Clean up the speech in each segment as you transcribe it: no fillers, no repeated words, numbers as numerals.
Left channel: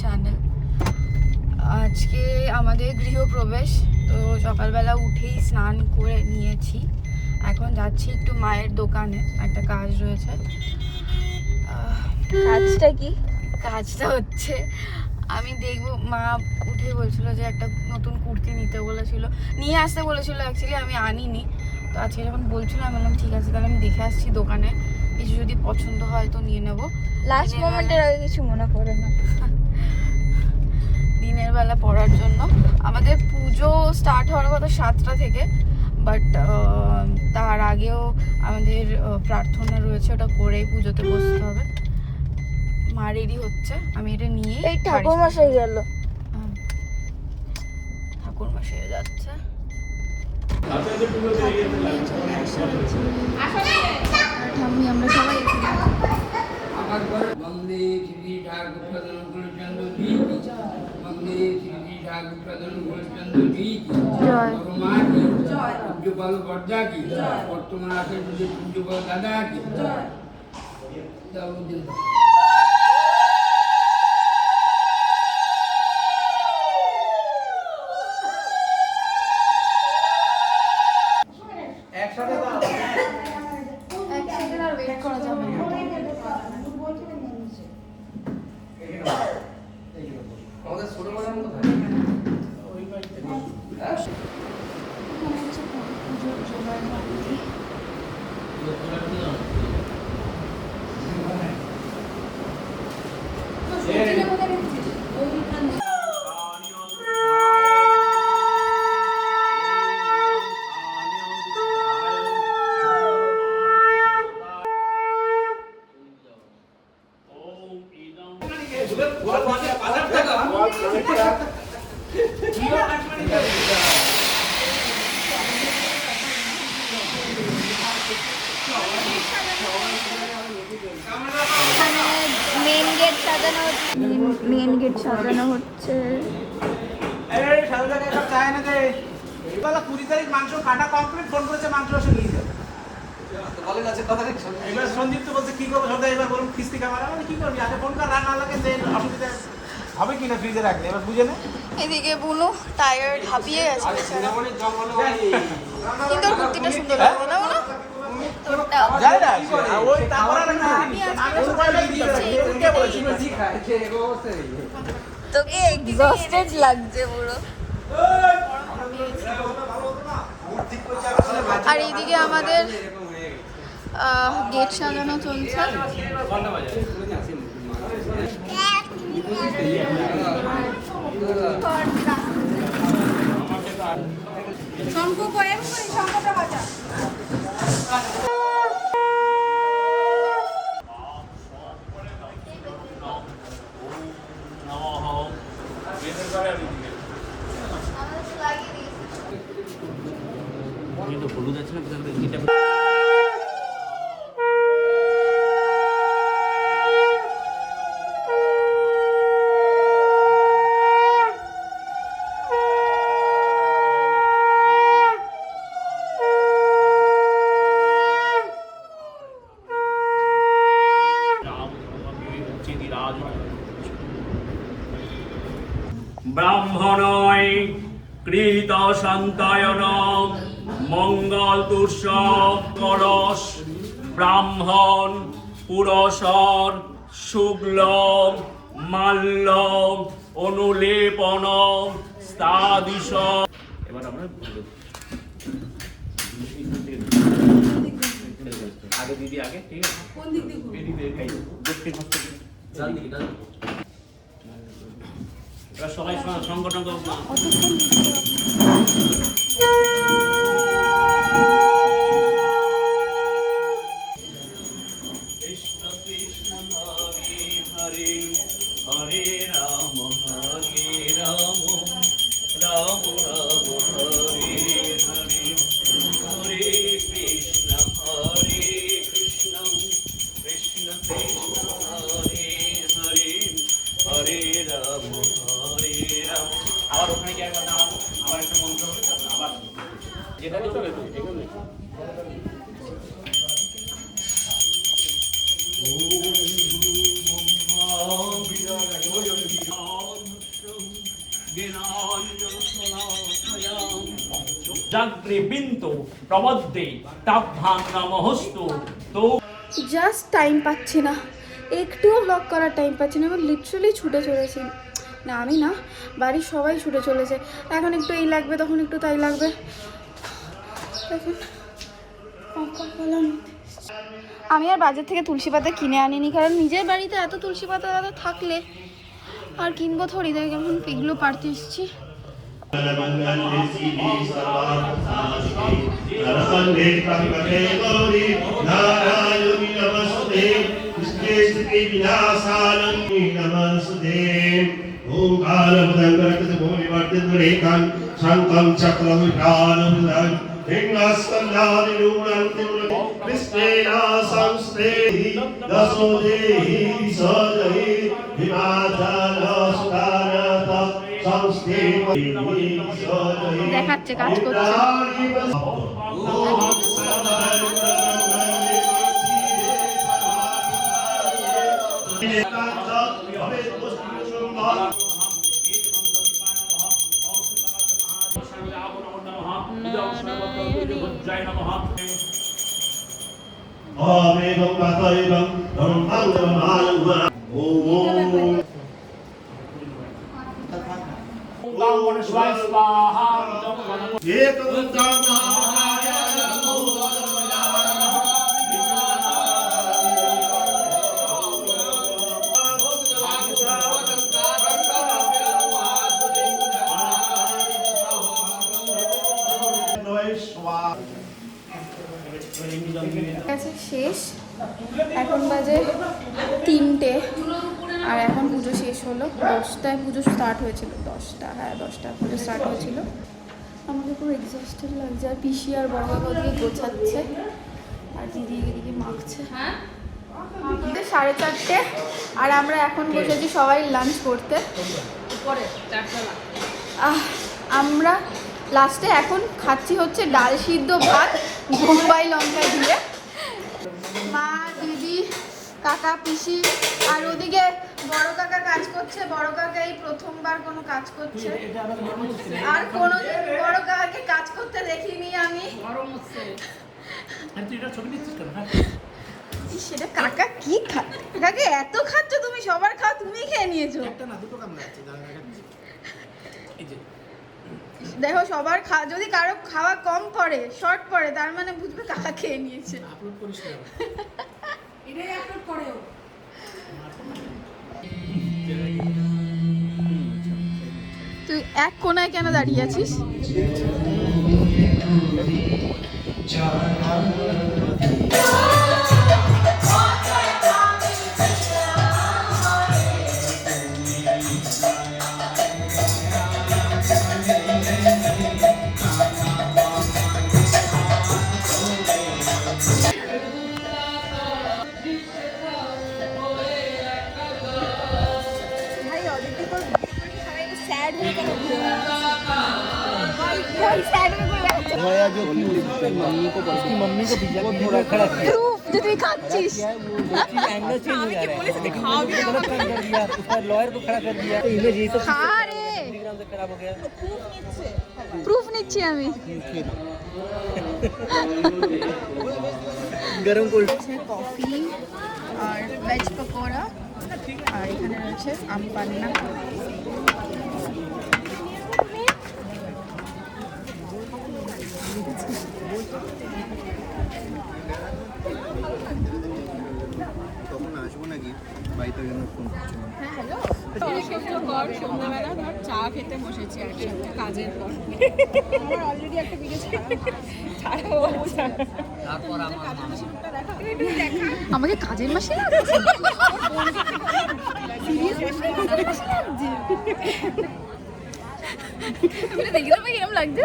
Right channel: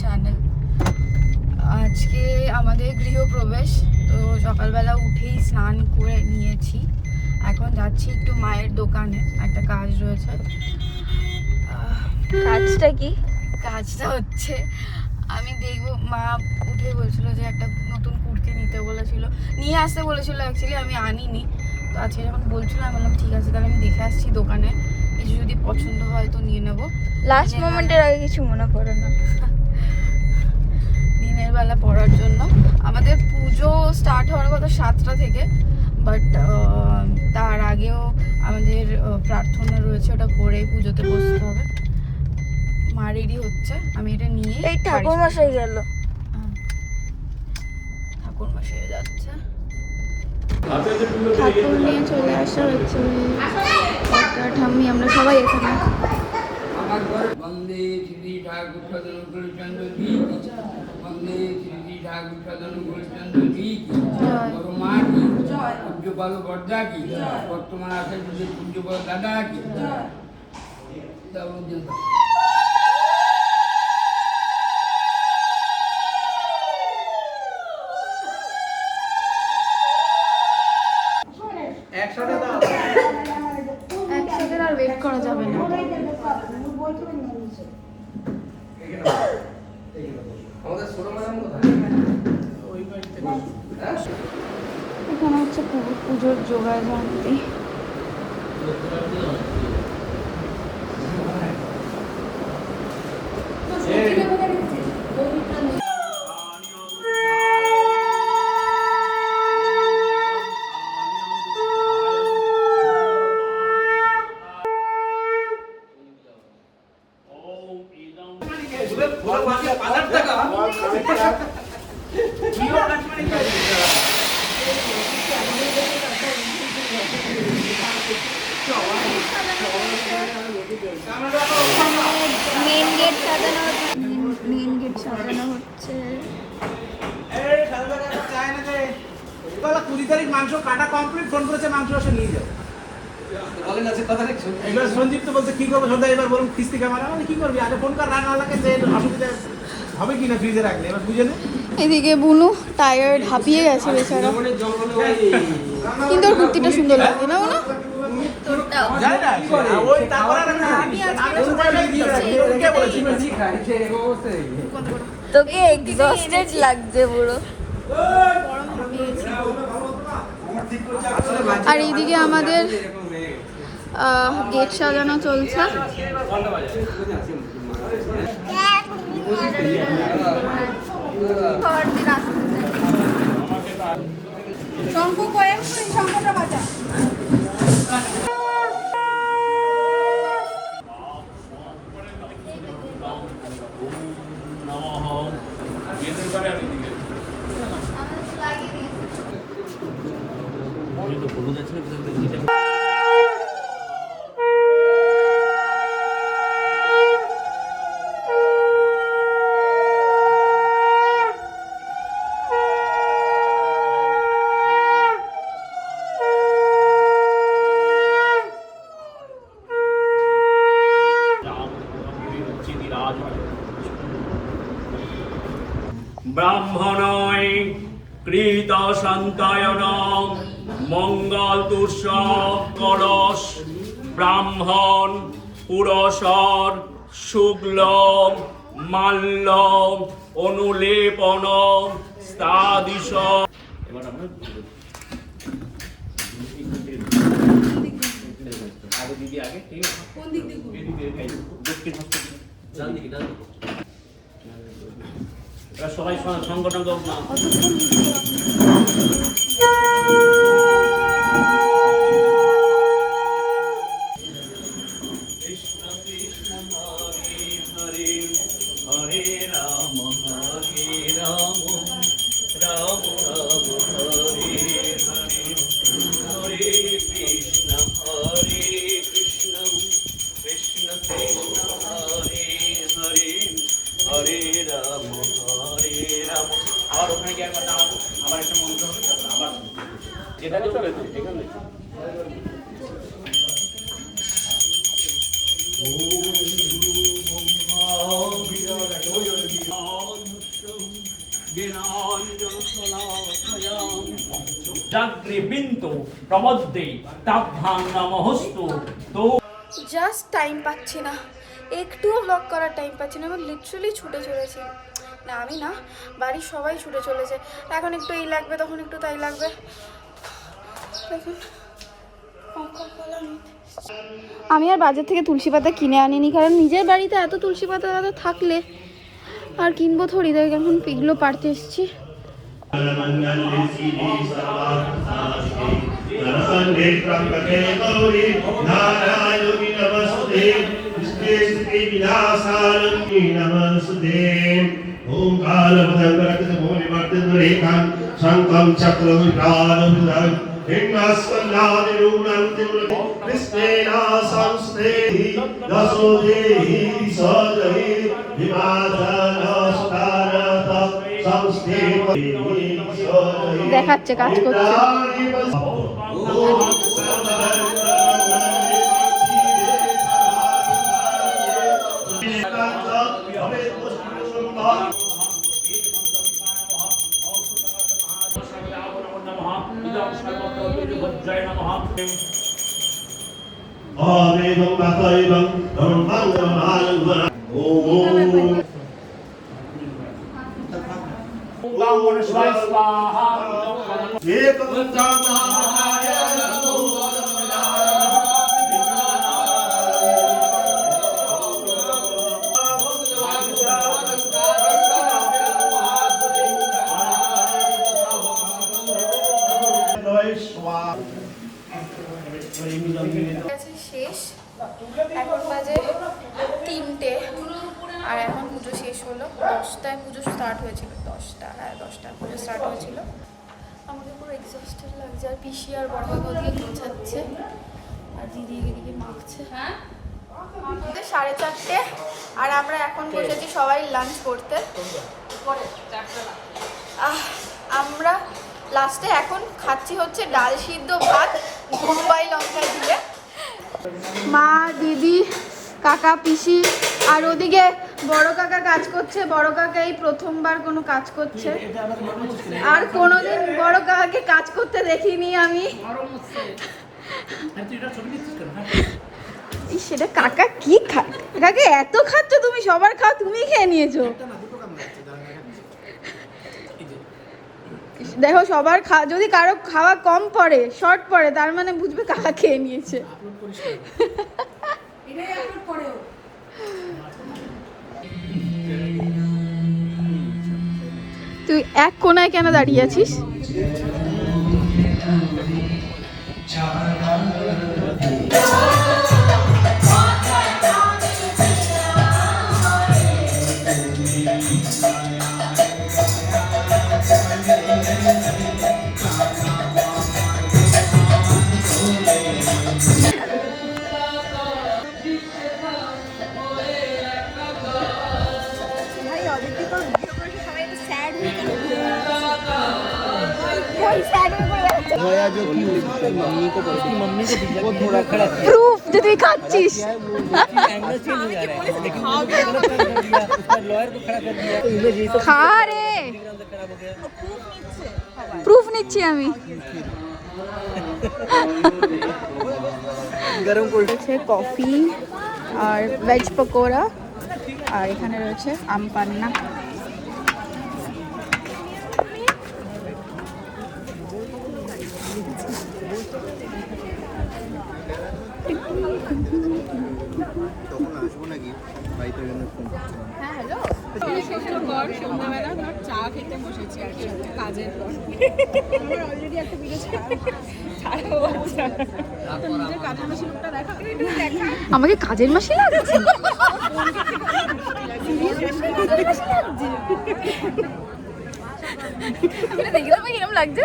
Channel. আজকে আমাদের গৃহপ্রবেশ, তো সকালবেলা উঠেই স্নান করে নিয়েছি। এখন যাচ্ছি একটু মায়ের দোকানে, একটা কাজ রয়েছে। কাজটা কি? কাজটা হচ্ছে আমি দেখবো, মা উঠে বলছিল যে একটা নতুন কুর্তি নিতে বলেছিল, নিয়ে আসতে বলেছিল। অ্যাকচুয়ালি আমি আনিনি, তো আজকে যখন বলছিল আমি বললাম ঠিক আছে, তাহলে আমি দেখে আসছি দোকানে, কিছু যদি পছন্দ হয় তো নিয়ে নেবো। লাস্ট মোমেন্টের আগে কিছু মনে করো না। দিনের বেলা পড়ার জন্য আমাদের পুজো স্টার্ট হওয়ার কথা 7টা থেকে, বাট তার আগেও আমাদের প্রার্থনা রয়েছে, ওটা করেই পুজোতে বসতে হবে। মা রেডি হচ্ছে, আমি এটা নিয়ে ঠাকুর মশাই গেল, ঠাকুর মশাই যাচ্ছে। ঠাকুর নিয়ে চলে আসা হচ্ছে ঠাম্মি, আমরা সবাই এখানে। বন্দে শ্রী ঠাকুর প্রধান গুরুচন্দ্র জি, বন্দে শ্রী ঠাকুর প্রধান গুরুচন্দ্র জি, মা কি পূজ্যপাল বর্দা কি, বর্তমান আছে যদি পূজ্যপাল দাদা কি। একসাথে আর ওয়েট করা যাবে না। এখানে হচ্ছে পুজোর জোগাড় জানতে। মেন গেট সাজানো হচ্ছে। 20 তারিখ মাংস কাটা কমপ্লিট, ফোন করেছে মাংস আসে নিয়ে যাও। এবার সঞ্জিত তো বলছে কি করবো সন্ধ্যা, এবার বলুন কিস্তি ক্যামেরা কি করবি, আগে ফোন কর, রান্না লাগে অসুবিধা হবে কিনা ফ্রিজে রাখলে, এবার বুঝে নে। এদিকে বুনু টায়ার্ড, হাঁপিয়ে গেছে বেচারা, কিন্তু ওর কুর্তিটা সুন্দর লাগছে না বুনু? তোকে এক্সস্টেড লাগছে পুরো। আর এইদিকে আমাদের গেট সাজানো চলছে। শঙ্খ কয়েক শঙ্খটা বাজা। ব্রাহ্মণয় কৃত সন্তায়ন মঙ্গল তুষব কলস ব্রাহ্মণ পুরসর শুক্ল মাল্য অনুলেপন স্তাদিশ। এবার আমরা আগে দিদি আগে, ঠিক আছে? কোন দিক দিয়ে সবাই সংগঠন হরে রাম হরে রাম রাম রাম হরে হরে, হরে কৃষ্ণ কৃষ্ণ কৃষ্ণ হরে হরে, হরে রাম হরে রাম। আবার ওখানে গিয়ে একবার নামাবো, আবার একটা মন্ত্র হবে, তারপর আবার যেটা দিতে হবে এখানে। জাগ্রে বিন্তু প্রমদ্দে তাভ্যাং নমঃস্তু তো জাস্ট টাইম পাচ্ছি না, একটুও ব্লগ করার টাইম পাচ্ছি না। এবার লিটারালি ছুটে চলেছি, না আমি না, বাড়ির সবাই ছুটে চলেছে। এখন একটু এই লাগবে, তখন একটু তাই লাগবে। আমি আর বাজার থেকে তুলসী পাতা কিনে আনিনি, কারণ নিজের বাড়িতে এত তুলসী পাতা দাদা থাকলে আর কিনবো থরি, তাই এখন এগুলো পাড়তে এসেছি। দেখাচ্ছে কাজ শেষ, এখন বাজে 3টে, আর এখন পুজো শেষ হলো। 10টায় পুজো স্টার্ট হয়েছিল, 10টা, হ্যাঁ 10টা পুজো স্টার্ট হয়েছিল। আমাকে পুরো এক্সস্টেড লাগছে, আর পিসি আর বড় কাকা ওদিকে গোছাচ্ছে। 4:30, আর আমরা এখন বসেছি সবাই লাঞ্চ করতে। আমরা লাস্টে এখন খাচ্ছি হচ্ছে ডাল সিদ্ধ ভাত বোম্বাই লঙ্কা দিয়ে। মা, দিদি, কাকা, পিসি, আর ওদিকে বড় কাকা কাজ করছে। বড় কাকা এই প্রথমবার কোনো কাজ করছে, আর কোনোদিন বড় কাকাকে কাজ করতে দেখিনি আমি। সেটা কাকা কি কাকে এত খাচ্ছ তুমি? সবার খাও, তুমি খেয়ে নিয়েছো। দেখো সবার যদি কারো খাওয়া কম পড়ে, শর্ট পড়ে, তার মানে বুঝবে কাকা খেয়ে নিয়েছে। তুই এক কোনায় কেন দাঁড়িয়ে আছিস? প্রুফ যে তুই খাচ্ছিস। খা রে, প্রুফ নিচ্ছি আমি। গরম করছে কফি আর ভেজ পকোড়া, আর এখানে রয়েছে আম পান্না। তখন আসবো নাকি বাড়িতে ফোন করছিলাম। চা খেতে বসেছি কাজের পর। আমাকে কাজের মাসি লাগছে। দেখি তো কিরকম লাগছে।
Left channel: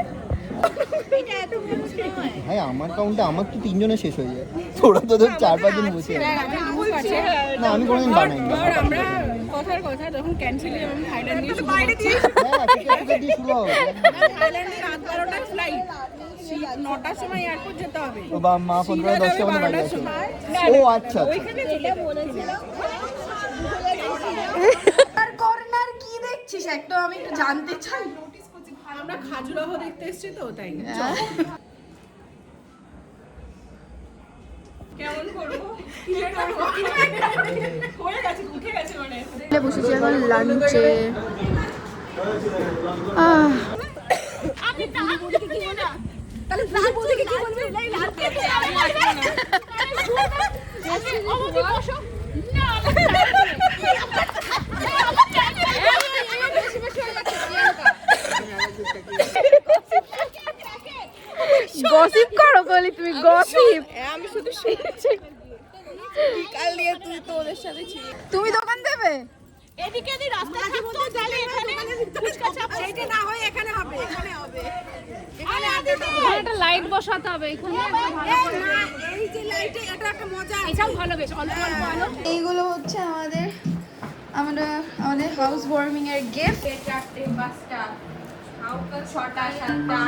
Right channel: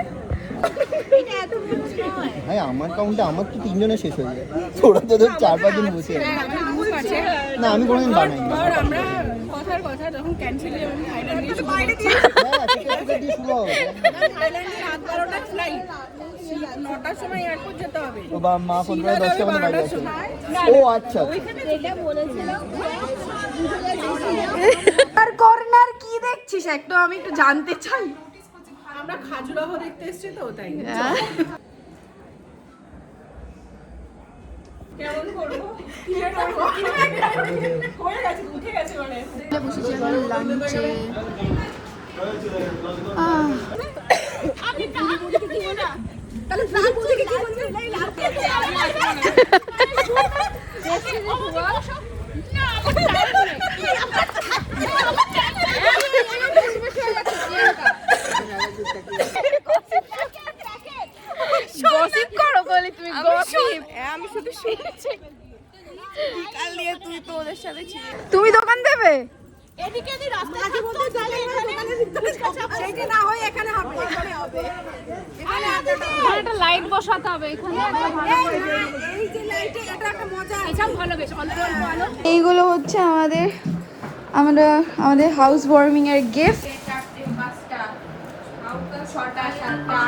ভাই আমার কাউন্টে আমার তো 3 জনে শেষ হয়ে যায়, তোরা তো 4-5 জন বসে আছে। না আমি কোনোদিন বানাই না। আমরা কথার কথা যখন ক্যান্সেল হয়ে আমি থাইল্যান্ডে শুরু হ্যাঁ টিকেট দিয়ে শুরু হবে। থাইল্যান্ডে রাত 12টায় ফ্লাইট 9টার সময় এয়ারপোর্ট যেতে হবে ও বা মা ফোন করে 10টা মধ্যে বাড়ি আসবে। ও আচ্ছা আর কর্নার কি দেখছিস একটু আমি একটু জানতে চাই। আমরা খাজুরাহো দেখতে এসেছি তো তাই কেমন করবো হয়ে গেছে উঠে গেছে মানে বসেছি এখন লাঞ্চে। গসিপ করো বলি তুমি গসিপ আমি শুধু শুনছি কাল দিয়ে তুই তো ওদের সাথে ছিলি তুমি দোকান দেবে এদিকে দি রাস্তার মধ্যে যাবে দোকানে এইটা না হয় এখানে হবে এখানে একটা লাইট বসাতে হবে এখানে একটা ভালো করে এই যে লাইটে এটা একটা মজা এটাও ভালো বেশ অল্প অল্প আলো এইগুলো হচ্ছে আমাদের হাউস ওয়ার্মিং এর গিফট। 4টা 5টা 6টা 7টা